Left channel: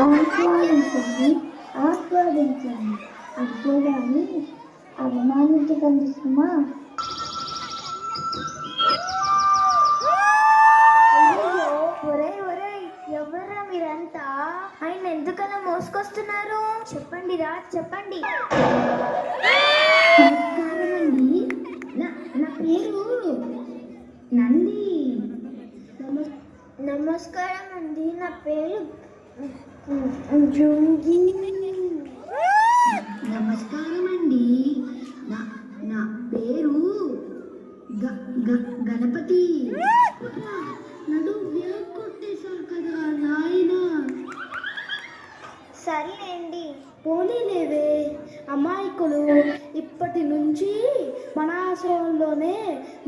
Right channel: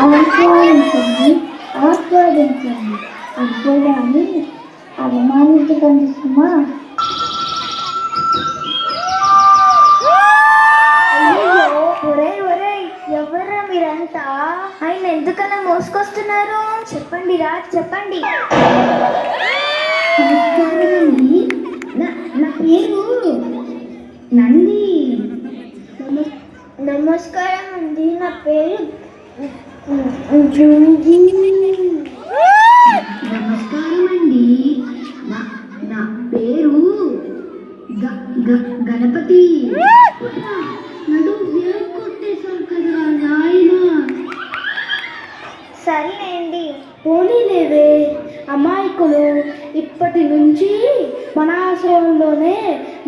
ఆస్వాదించండి ఆస్వాదించండి అంతేగాని అవమానించకండి సుమా. ఎవరా మీరంతా? ఆయన ఎందుకలా మోసుకొస్తున్నారు? చెప్పండి రా చెప్పండి. నా పేరు నంది. నమస్కారం అండి, నా పేరు నమస్కారం అండి. నా పేరు గణపతి. నడు కొట్టేశారు కదా నాయన. సరేనండి. పోనీలేవే అమాయకులు, ఇప్పటి నుంచి మన ఆశ్రమంలోనే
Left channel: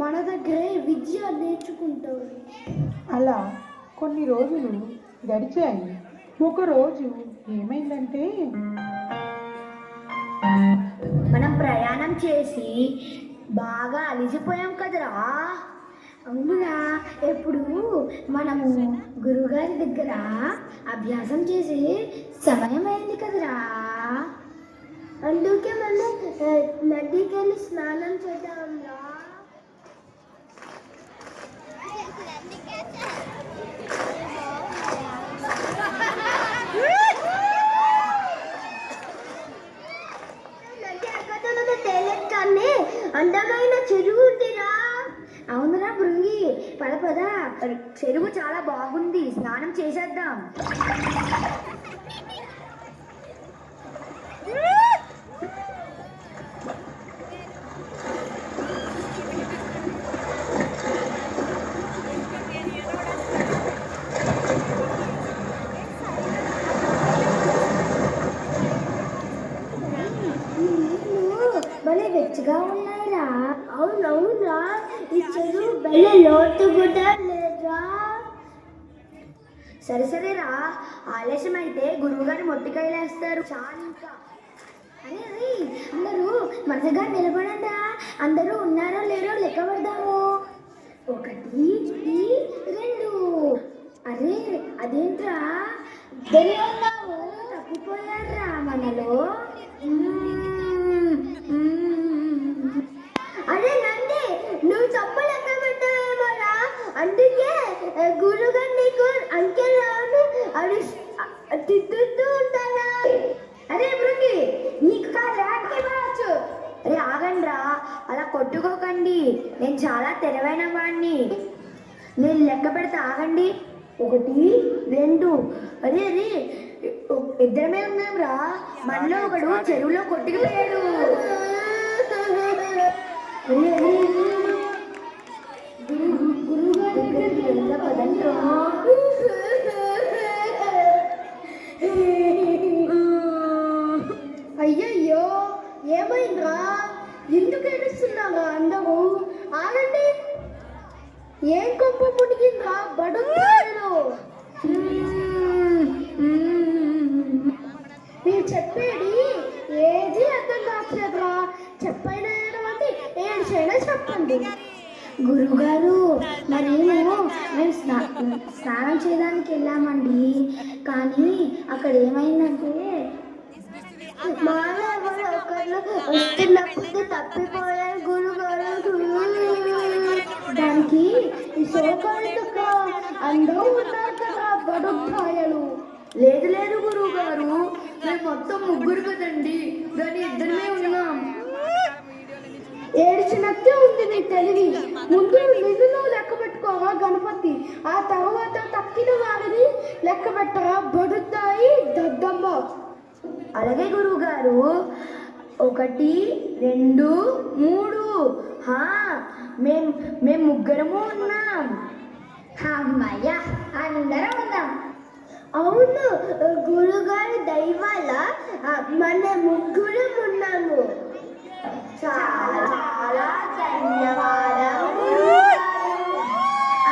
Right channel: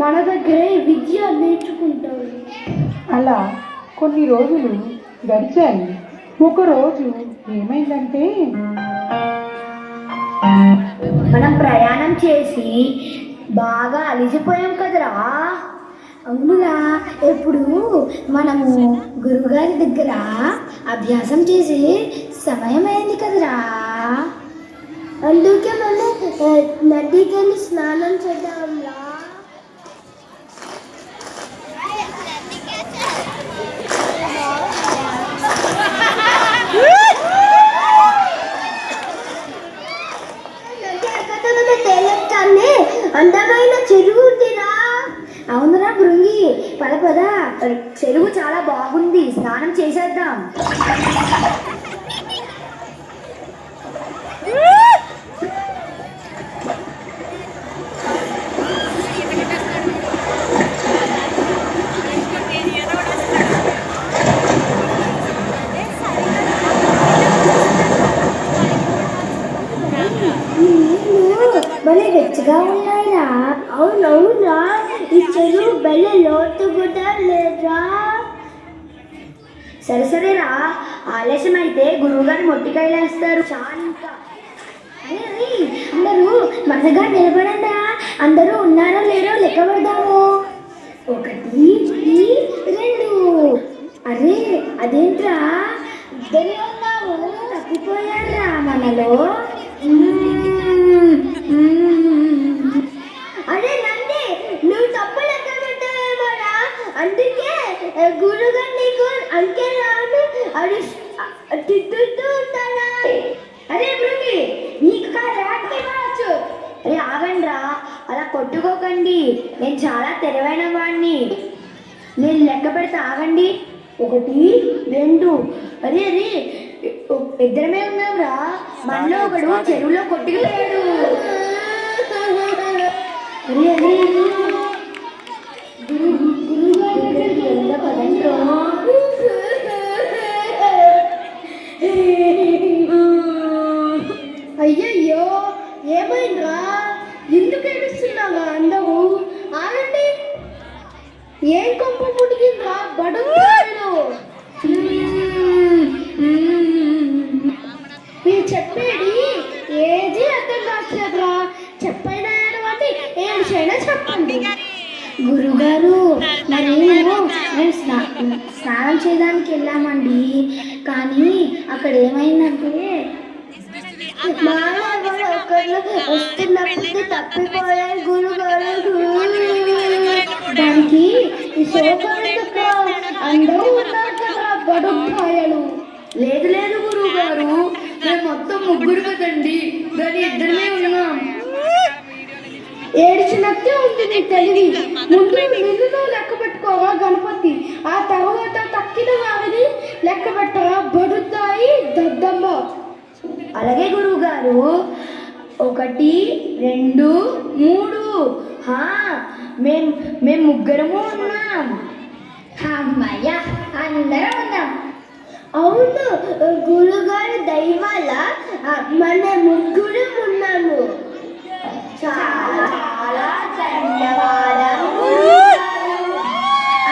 మన దగ్గరే విద్య నేర్చుకుంటారు. అలా కొన్ని రోజులు గడిచాయి. ఒకరోజు ఏమైందంటే, మనం ప్రయాణం చేసి బాగా అలిసిపోయాం కదరా. అవునురా, ఎప్పుడు మనము గురువుగారి దగ్గర అభ్యాసం చేసి సమయం అయింది కదరా. అందుకే మనం నదికి వెళ్ళి స్నానం చేద్దాంరా. అందమైన చెరువు ఉందిరా. అవునురా భృంగి, పద పద, చెరువు చాలా బాగుంది, స్నానం చేసేద్దాం. భలే వెచ్చగా ఉన్నాయిరా. అవునవునా, ఈ చెరువు భలే లోతు కూడా లేదా. సరే సరేరా, ఆలస్యం అయితే గురువుగారు మొట్టికాయలు వేస్తారు. అందరూ మనగా నిలబడండా. అందరూ ఉన్నారో లేరో లెక్క పెడదాము. 1 2. అరే అదేంట్రా, ఇద్దరే ఉన్నాము, తప్పిపోయారా మనలో. అరే నంది, నువ్వు తప్పు లెక్క పెట్టావేమోరా. అందుకే గురుగారు నీకు అంకెలను తిట్టుతూ ఉంటారా. అరే భృంగి, నీకు కావచ్చు. అరే ఆగండ్రా, అలా కొట్టుకోకండి. నేను చాలా తెలివైన వాడిని. నేను లెక్క పెడతా, ఆగండి. 1 2. అరే అరే, ఇద్దరమే ఉన్నాంరా. మనలో ఒకడు చెరువులో కొట్టుకుపోయాడు. అరే అరే, గురువుగారి దగ్గరికి ఎంత పదంలో. అయ్యయ్యో, ఏమైందిరా? ఎందుకు ఏడుస్తున్నావా? అందరూ ఆగండి. ఏం కొంప పుట్టిందిరా? బడుగుతాడు. మీరు చెప్పేది ఏది అర్థం కావట్లేదురా. చెప్పైనా ఏడవండి, ఏడుచైనా చెప్పండి. గురుగారు, మరి మేము స్నానం చేయడానికి వెళ్ళామండి. కానీ అక్కడ ఏమైందంటే వస్తున్నప్పుడు తప్పిపోయారు గురుగారు. దానికి అందరూ ఉన్నారు కదా బడుపాయలు. లేదు లేదు గురువు గారు, మేము మొత్తం 3 కదండి, దాని ఇద్దరమే ఉన్నాం. ఏడిచినట్టే ఉంది నీ తెలివి. ముందు నిన్ను లెక్క పెట్టుకోవా గణపతి, ఆ తర్వాత తక్కిన వారిని లెక్క పెట్టరా బడుతాయి దద్దమ్మ. అలాగే గురువు గారు. 1 2 3. మేము 3 ఉన్నాం. అమ్మయ్య, అందరం ఉన్నాం. అవును గురుగారు దైవాల మన 3 ఉన్నాము. చాలా చాలా ధన్యవాదాలు.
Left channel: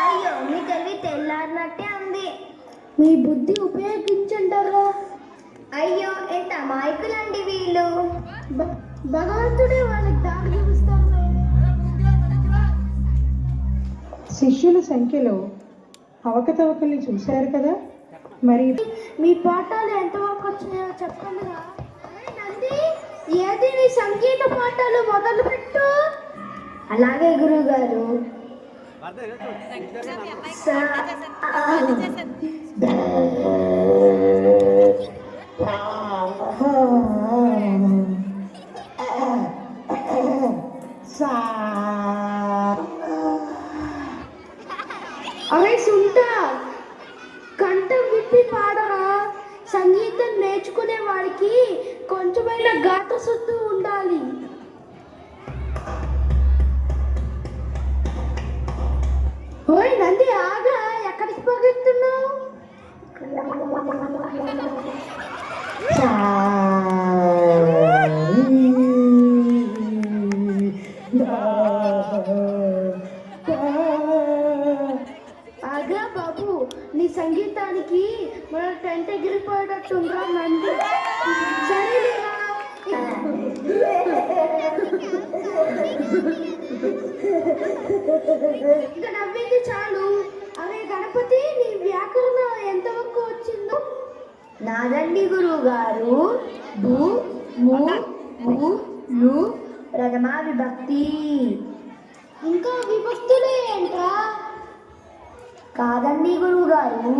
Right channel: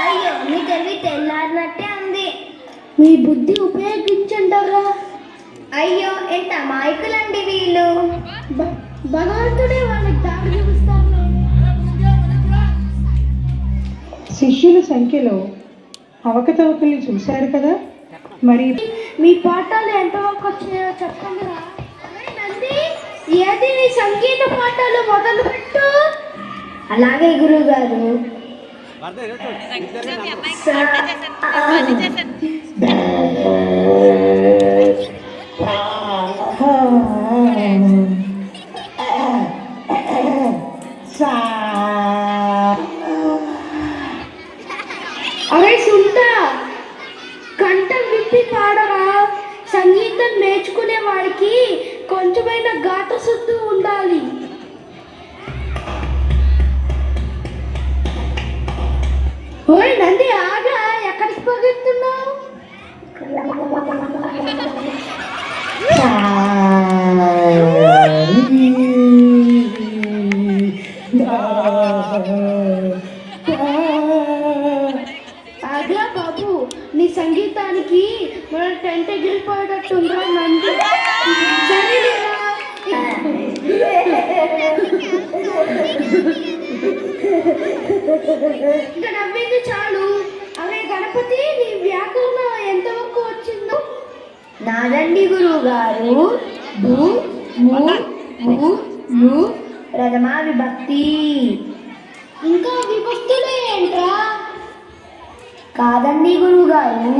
అయ్యో, మీ తెలివి తెల్లారినట్టే ఉంది. మీ బుద్ధి ఉపయోగించంటారా. అయ్యో, ఎంత అమాయకులండి వీళ్ళు. భగవంతుడే వాళ్ళకి దారి చూపిస్తారు. శిష్యుల సంఖ్యలో అవకతవకల్ని చూశారు కదా. మరి మీ పాఠాలు ఎంతవరకు వచ్చినాయో చెప్పండి రా. నంది, ఏది నీ సంగీత పాఠాలు మొదలుపెట్టు. అలాగే గురువు గారు. అరే సుంతా, కంఠం విప్పి పాడరా. సంగీతం నేర్చుకునే వాడికి కొంచెమైనా గాత శుద్ధి ఉండాలి. ఓయ్ నంది, ఆగా, ఎక్కడికి పరిగెత్తున్నావు? ఆగా బాబు, నీ సంగీతానికి మన టెంట్ ఎగిరిపోయేటట్టుందా నంది? సరేలేరా. ఇక నవ్వింది చాలు. అరే గణపతి, నీ వ్యాకరణం ఎంతవరకు వచ్చిందో? నాదండి గురువు గారు. బు ము ము లు ప్రథమ విభక్తి. ఇంకా విభక్తులే ఏంట్రా? కాదండి గురువు గారు,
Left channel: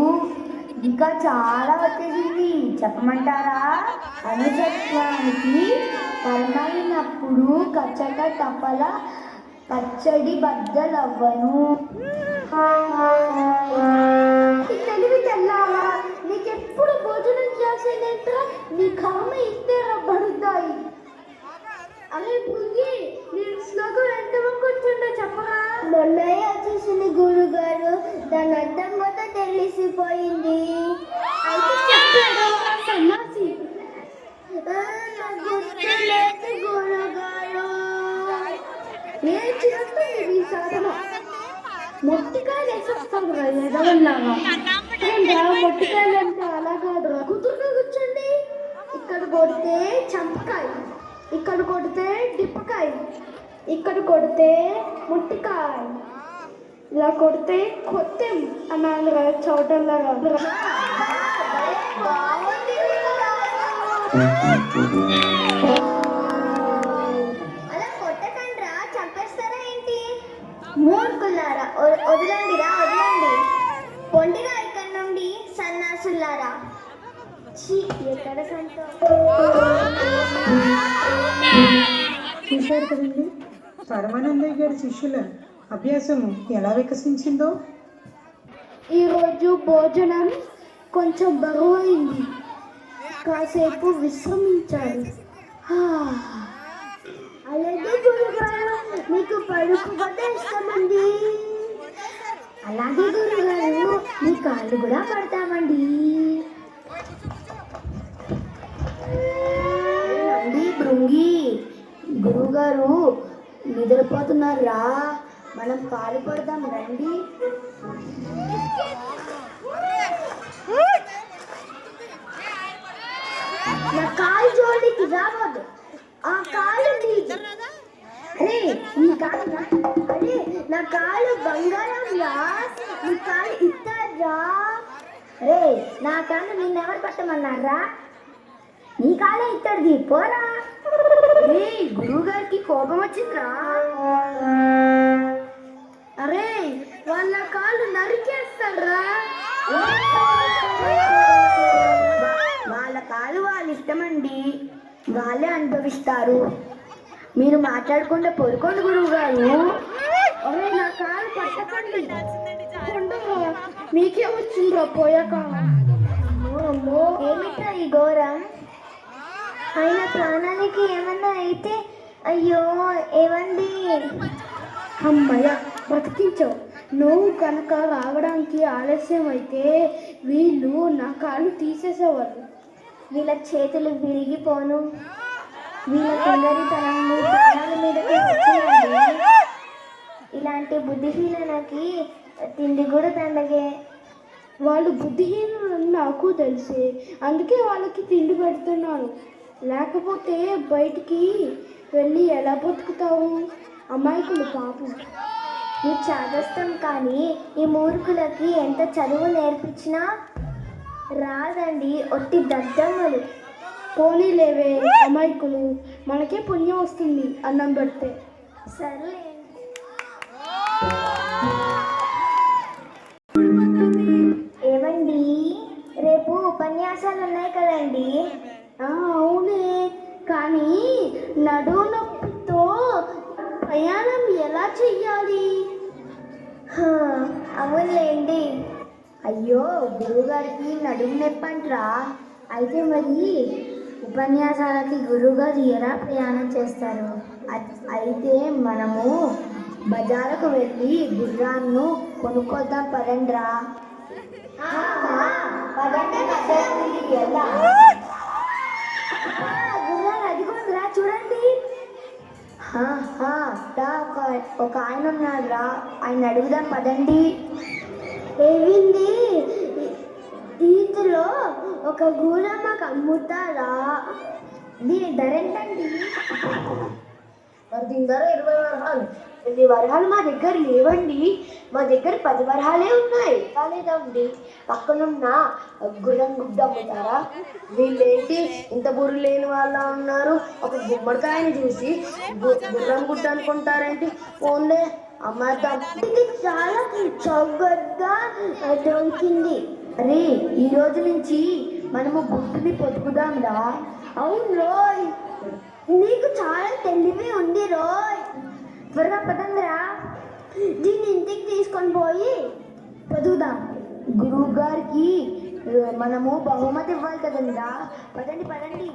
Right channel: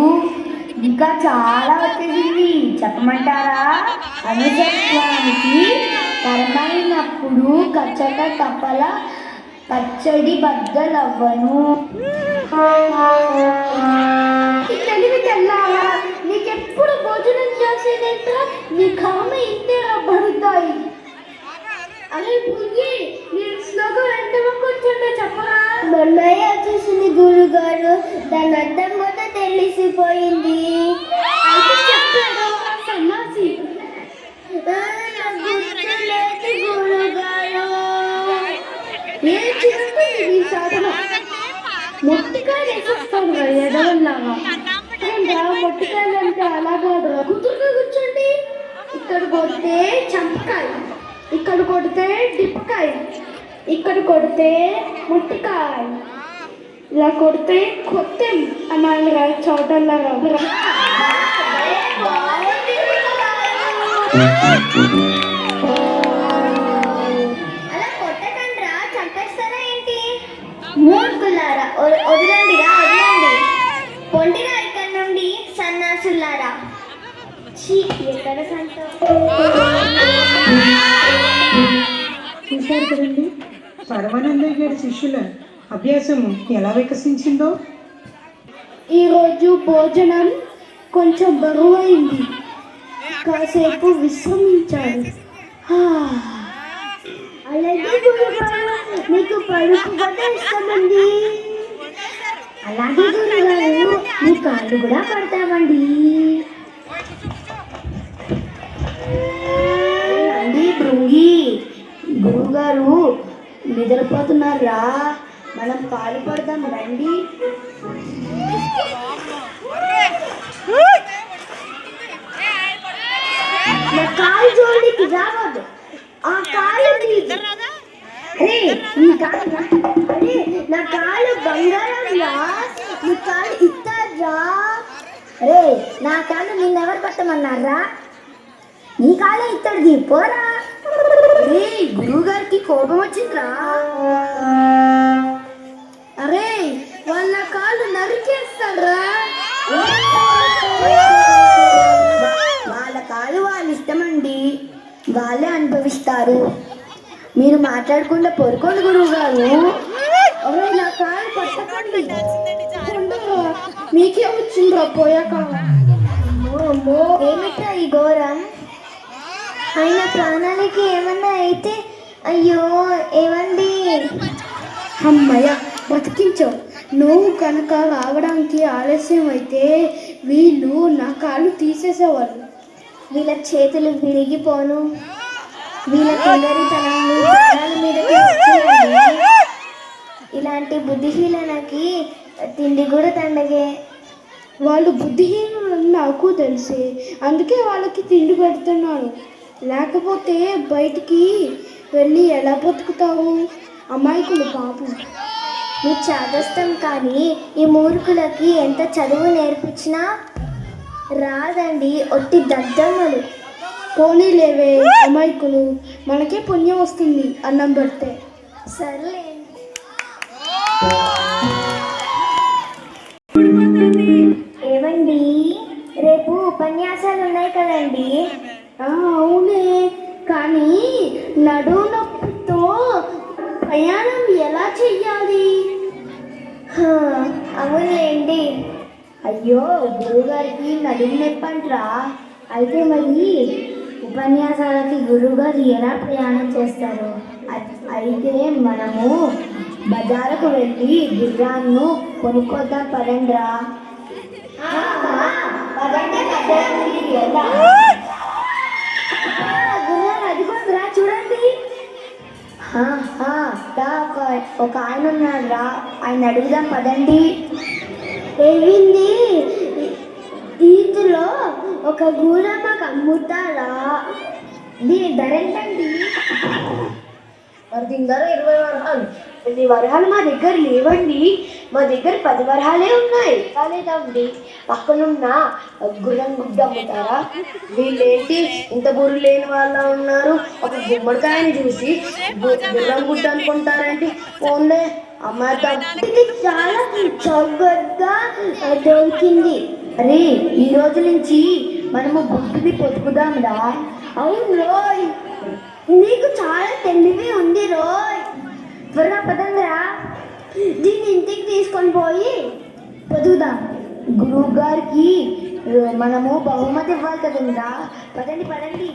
ఇంకా చాలా వచ్చేసింది. చెప్పమంటారా? అనుజత్వానికి పరమైనప్పుడు కచ్చట తప్పల పచ్చడి బద్దలవ్వను. ఈ తెలివి తెల్లావా? నీకెప్పుడు భోజనం చేసేదేంట్రా? నీ కామ ఇంతే అబ్బడుతాయి. అరే పుంగి, నీ శ్లోకం ఎంతవరకు వచ్చిందో చెప్పరా? మొన్నయ్య వచ్చేసింది గురువు గారు. దాని అర్థం కూడా తెలిసిపోయింది. అయితే చెప్పాడు సన్నాసి. ఏం చేస్తుంది నీ సాధన? మొట్టికాయలు వేసేస్తాను ఎదవల్లాగా. మొట్టికాయలు అంటే అలా కాదు. కుదురుగా కూర్చోండి. ఇక్కడ కొడితే చంపకాయ, ఇక్కడ కొడితే డిప్పకాయ, ఇక్కడ కొడితే ముట్టికాయ, ఇలా కొడితే కొత్త అన్నాను చోటల్లాగా. అలా కొట్టకండ్రా, చంపేస్తారా ఏంటి? మూర్ఖులారా, వదలండిరా, వదలండి. పొండిగా ఇక్కడ నుండి సన్నాసులారా. ఛీ, ఎక్కడ చూశారు కదండి, సర్వానందయ్య గారి శిష్యుల అభ్యాసము ఎలా వికసించిందో. ఈరోజు భోజనం కొంచెం బరువైంది, కాసేపు విశ్రమించారు. అలాగే గురుగారు, మీకు పలుకు కూడా ఇస్తామండి. అలాగే గురుగారు, మీ కాళ్ళు కూడా పడతామండి. అండి భృంగి, గురువుగారు నిద్రపోతున్నారా? మనం పాలు పడదాం రండి. నా కాలు జోలికి రావద్దు. ఆ కాలు నీది. అరే నా కాలు బంగారంలా, నీ కాలు ఇస్తారా? అరే నా కాలు నిన్నెవరు పట్టమన్నారా? నీ కాలే ఇస్తాడు, పోరా. అరే గురువు గారికి కోపం వచ్చిందిరా. అరే వాళ్ళ కాళ్ళు నరికేస్తారా? వాళ్ళ కాలు వాళ్ళ ఇష్టమండి, వాళ్ళే అనుభవిస్తారు. మీరు మాట్లాడకుండా పొరుకోండి గురువు గారు. అరే నా కాలు పట్టకండి. మీకే వచ్చిండ్రా పోయాక. ఏమిట్రా ఈ ఘోరం? అయినా ప్రాణానికి ఏమన్నా అయితే అయ్యో ఏమండి. అమ్మయ్య, బతికించావు. నువ్వు కనుక రావడానికి ఆలస్యం అయితే వీళ్ళు నా కాళ్ళు తీసేసేవాళ్ళు. వీళ్ళ చేతులు విరిగిపోను. వీళ్ళ తొందరితనం మీ ప్రాణాల మీదకి వచ్చేయండి. ఇలాంటి బుద్ధిహీనకి తిండి కూడా తండగే. వాళ్ళు బుద్ధిహీనులని నాకు తెలిసి, అందుకే వాళ్ళకి తిండి పెడుతున్నాను. లేకపోతే బయటికి వెళ్ళి ఎలా బతుకుతావు? అమాయకులు పాపం. మీ చాదస్తం కానీ ఈ మూర్ఖులకి ఎంత చదువు నేర్పించినా రాదండి, ఒట్టి దద్దమ్మలు. పోనీలేవే అమాయకులు, మనకే పుణ్యం వస్తుంది అన్నం పెడితే. సర్లే. ఏమండి, రేపు ఉపన్యాసాలు ఉన్నాయి కదండి? అవునే, కానీ నడుము నొప్పితో ప్రయాణం ఎలా చెయ్యాలి? హా, అవునులేండి. అయ్యో, గురువుగారికి నడుము నొప్పంట్రా. అయితే మరి ఉపన్యాసాలకి గురువుగారు ఎలా ప్రయాణం చేస్తారు? అయితే మనము బజారుకు వెళ్ళి గుర్రాన్ని కొనుక్కోద్దాం పదండ్రా. గుర్రాలు అదిగోండ్రా, చూడండి. ఒక ఆయన ఉన్నాడురా, ఆయన అడుగుదాం పదండి. ఏమింది? వీటిలో ఒక గుర్రం మాకు అమ్ముతారా? దీని ధర ఎంతండి? దీని ధర 20 వరహాలు. 20 వరహాలు మా దగ్గర లేవండి, మా దగ్గర 10 వరహాలే ఉన్నాయి. కాలేదండి, పక్కనున్న గుర్రం గుడ్డ అమ్ముతారా? వీళ్ళేంటి ఇంత బుర్రు లేని వాళ్ళ ఉన్నారు, ఒక గుమ్మడికాయని చూసి గుర్రం గుడ్డ అనుకుంటారండి. ఓన్లే అమ్మాయి ఇది చాలా చౌకగా దొరికింది. అరే, ఈ రోజు నుంచి మనము బుద్ధిని పొదుపుదాంరా. అవును రోయ్, నీకు చాలా తెలివి ఉంది రోయ్. త్వరగా పదంగా, దీన్ని ఇంటికి తీసుకొని పోయి పొదుగుదాం. గురువు గారికి మనము బహుమతి ఇవ్వాలి కదంగా. పదండి పదండి.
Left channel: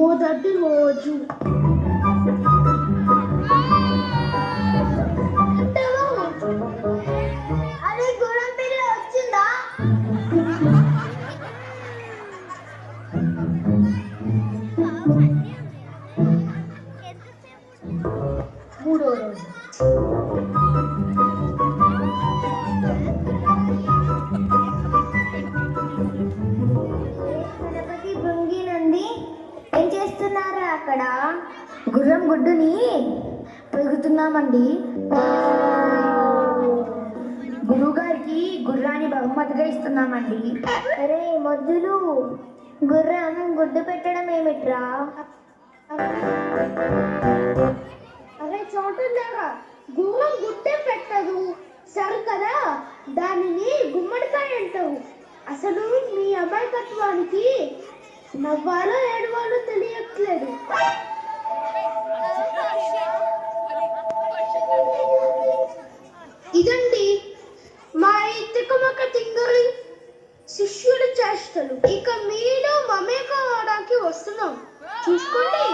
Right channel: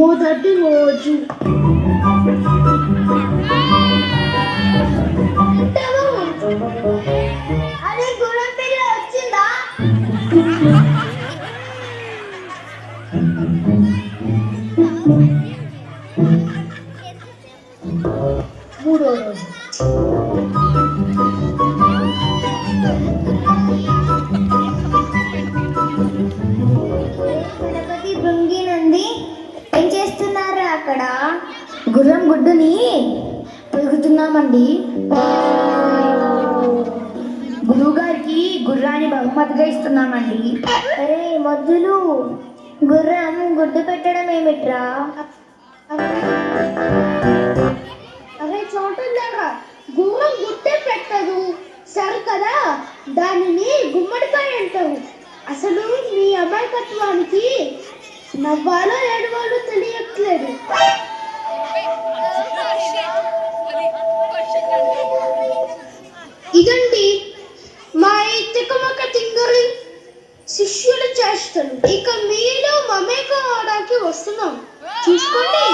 మొదటి రోజు అరే, గుర్రం పిల్ల వచ్చిందా? మూడో రోజు గణపతి భృంగినంది ఏం చేస్తున్నారా అక్కడ? గుర్రం గుడ్డుని పెరుగుతున్నామండి. గురువు గారికి గుర్రాన్ని బహుమతిగా ఇస్తున్నామండి. అరే మొద్దులు, గుర్రం గుడ్డు పెట్టడం ఏమిట్రా? అరే చోటుందాక గుర్రం గుట్టే పెట్టదు, సరే కదా, దానిని గుమ్మడికాయ అంటారు. అసలు మీ అమాయకత్వానికి నవ్వాలో ఏడవాలో తెలియట్లేదు. ఇదండి మా తికమక తింగరి శిష్యుల చేష్టలు. ఇక మీరు మమేక అవడానికి వస్తున్నాం, చూసుకోండి.